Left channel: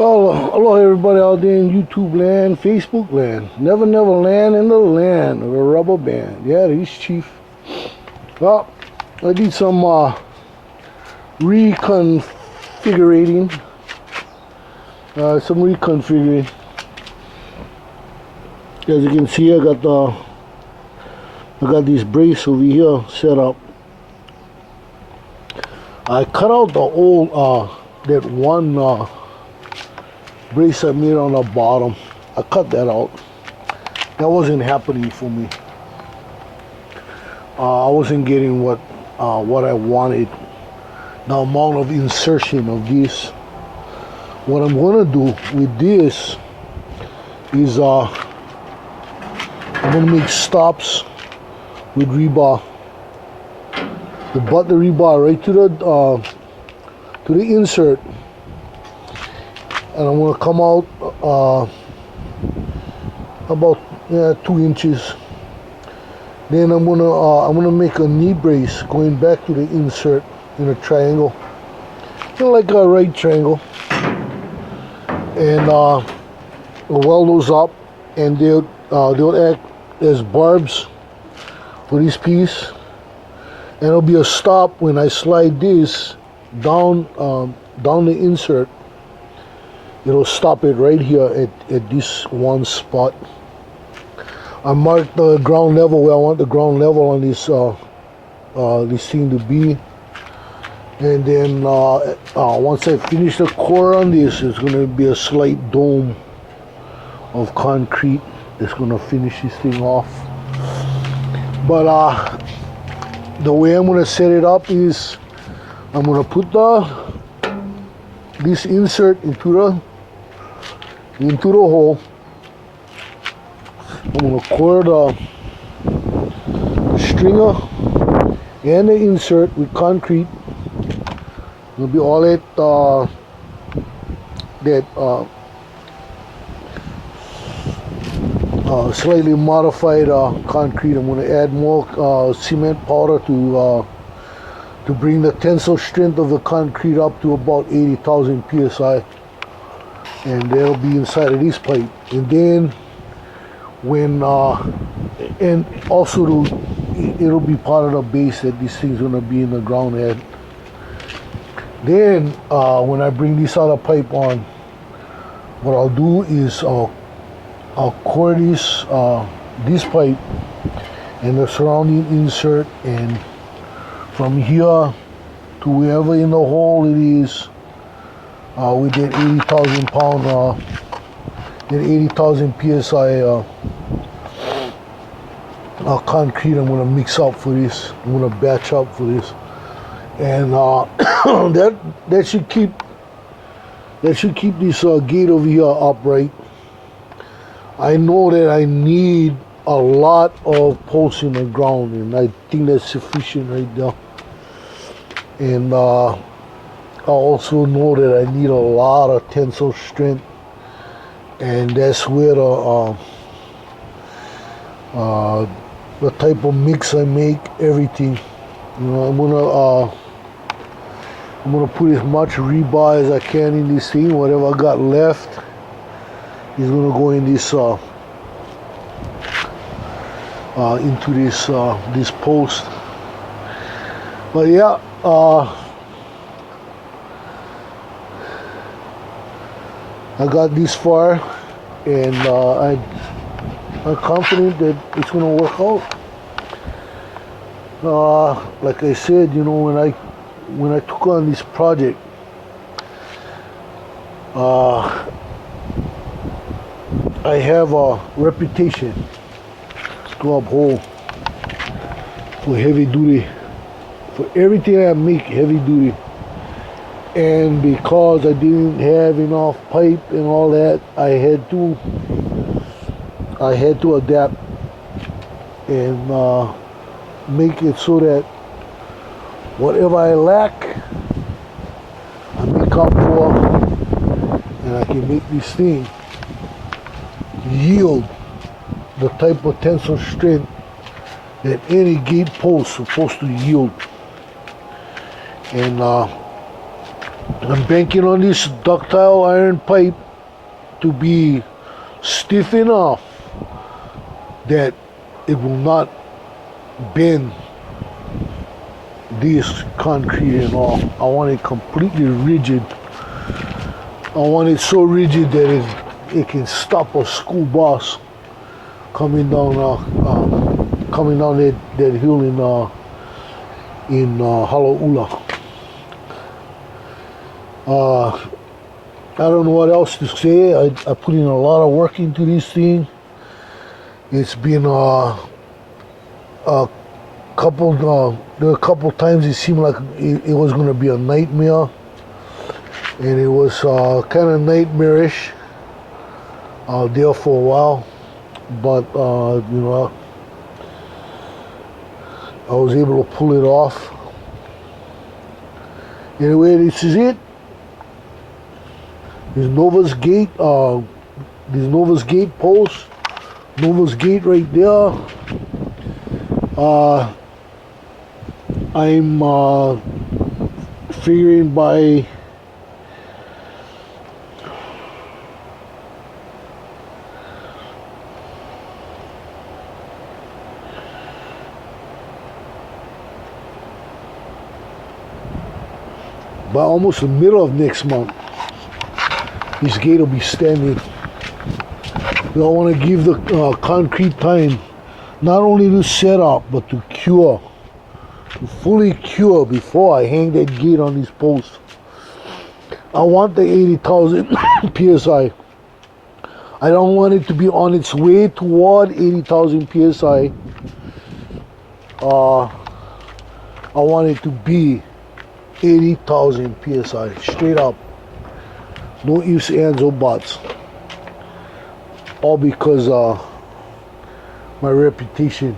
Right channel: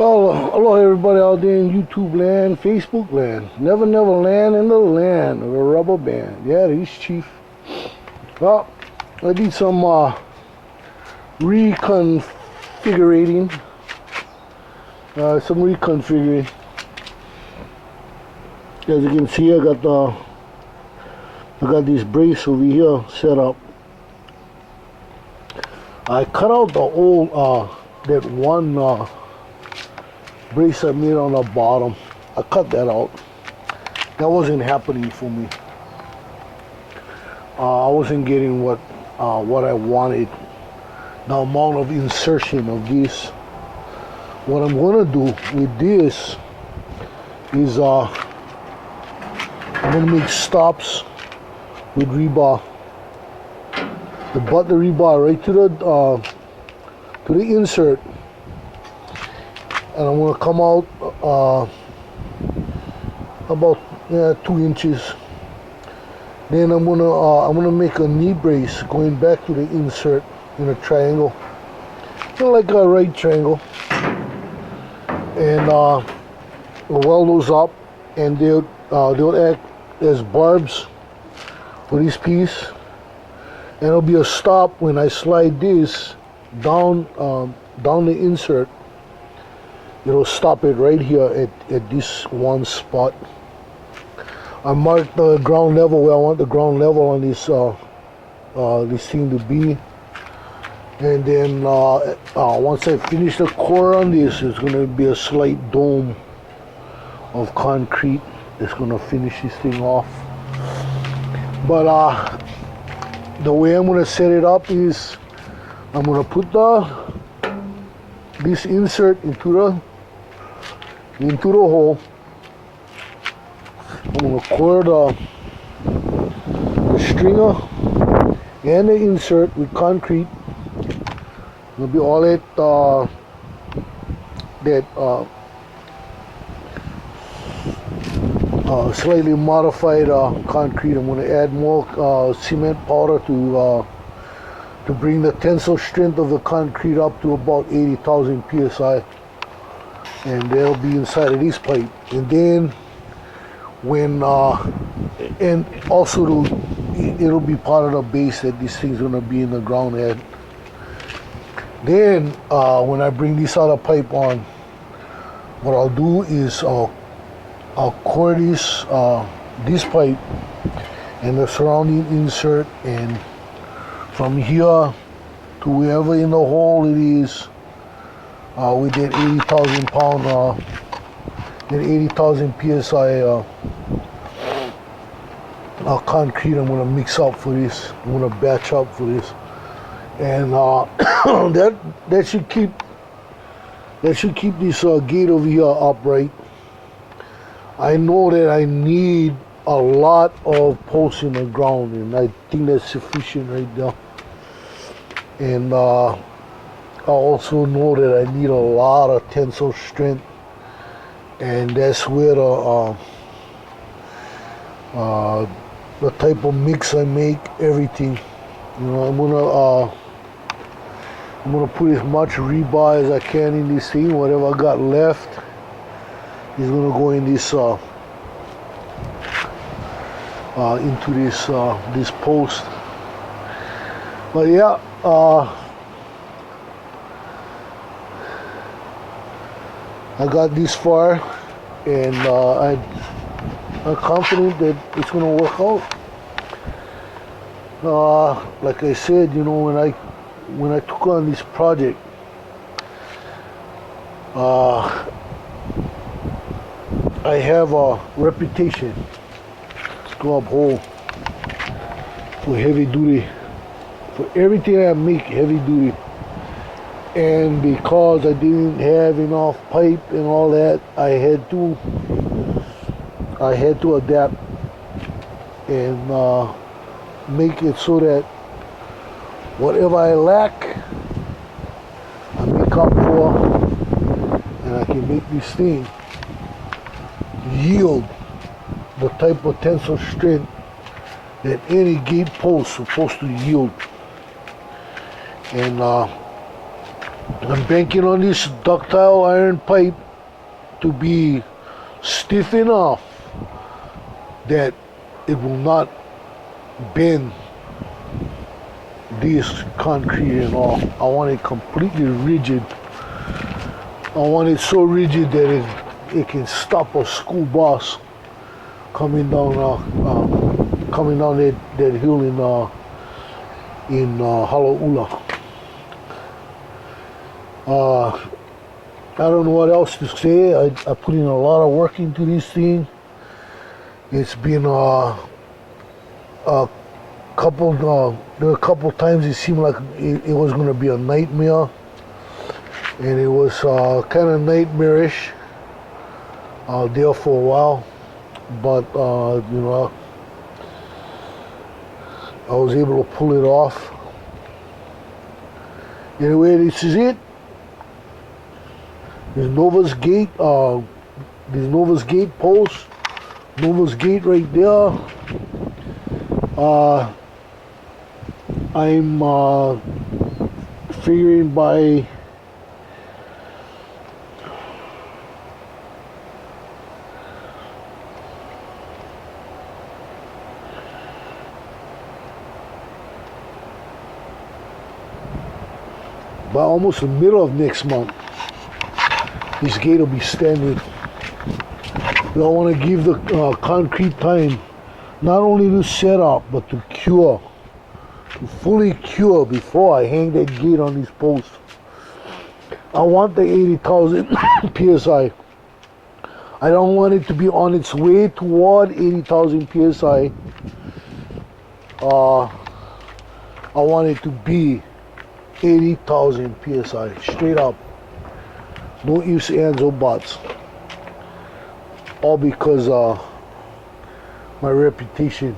Well, hello everybody out there in YouTube land, Facebook land, Never Never land in the land of the rubber band. Yeah, he's Chief. Well, I did some reconfiguring. As you can see, I got this brace over here set up. I cut out the old that one brace I made on the bottom. I cut that out. That wasn't happening for me. I wasn't getting what I wanted. The amount of insertion of this. What I'm gonna do with this is I'm gonna make stops with rebar. The butt the rebar right to the insert. And I'm gonna come out about 2 inches. Then I'm gonna make a knee brace going back to the insert in a triangle, like a right triangle, and weld those up, and they'll act as barbs for this piece, and it'll be a stop when I slide this down the insert. It'll stop it right here at this one spot. I marked the ground level where I want the ground level on this thing to be, and then once I finish the core on this, it's going to be a slight dome of concrete that's going to finish this thing off. But the way I'm going to set it up is I'm going to put this insert into the hole. I'm going to core the stringer and the insert with concrete. It'll be all that slightly modified concrete. I'm going to add more cement powder to bring the tensile strength of the concrete up to about 80,000 psi, and that'll be inside of this pipe. And then and also it'll be part of the base that this thing's gonna be in the ground at. Then when I bring this other pipe on, what I'll do is I'll core this pipe and the surrounding insert, and from here to wherever in the hole it is, with that 80,000 pound, that 80,000 psi concrete, I'm gonna mix up for this. I'm gonna batch up for this, and that should keep this gate over here upright. I know that I need a lot of posts in the ground, and I think that's sufficient right there. And I also know that I need a lot of tensile strength, and that's where the type of mix I make, everything. You know, I'm gonna put as much rebar as I can in this thing. Whatever I got left is gonna go in this into this post. But yeah, I got this far, and I'm confident that it's gonna work out. Like I said, you know, when I took on this project, I have a reputation to uphold for heavy duty, for everything I make heavy duty. And because I didn't have enough pipe and all that, I had to adapt and make it so that whatever I lack, I make up for, and I can make this thing yield the type of tensile strength that any gate post is supposed to yield. And I'm banking on this ductile iron pipe to be stiff enough that it will not bend this concrete and all. I want it completely rigid. I want it so rigid that it can stop a school bus coming down that hill in Halaula. I don't know what else to say. I put in a lot of work into this thing. It's been a couple there were a couple times it seemed like it was going to be a nightmare, and it was kind of nightmarish there for a while, but you know, I was able to pull it off. Anyway, this is it. There's Nova's Gate. There's Nova's Gate post. Nova's Gate right there. I'm figuring by almost the middle of next month, this gate will be standing. We all want to give the concrete time not only to set up but to cure, to fully cure before I hang that gate on these posts. I want the 80,000 psi. I don't want it to be on its way toward 80,000 psi. I want it to be 80,000 psi, straight up. No ifs, ands, or buts. All because my reputation,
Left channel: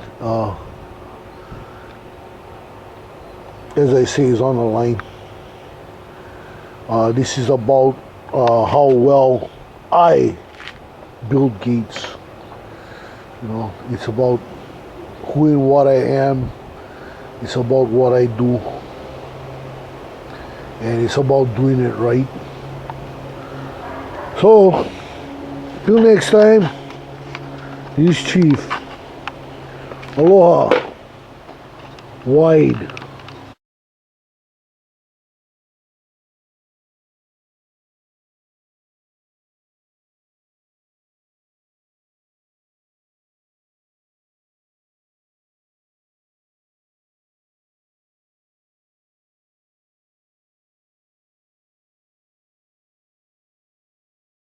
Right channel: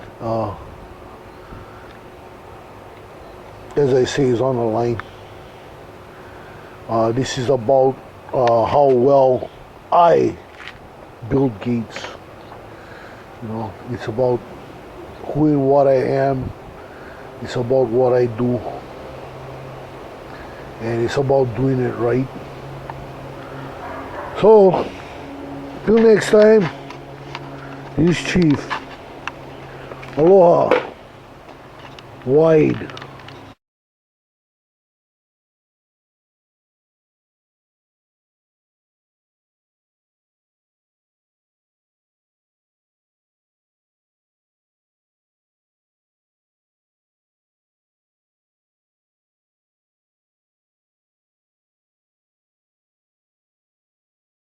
as I say, is on the line. This is about how well I build gates. You know, it's about who and what I am. It's about what I do. And it's about doing it right. So, till next time, this Chief. Aloha. Wide.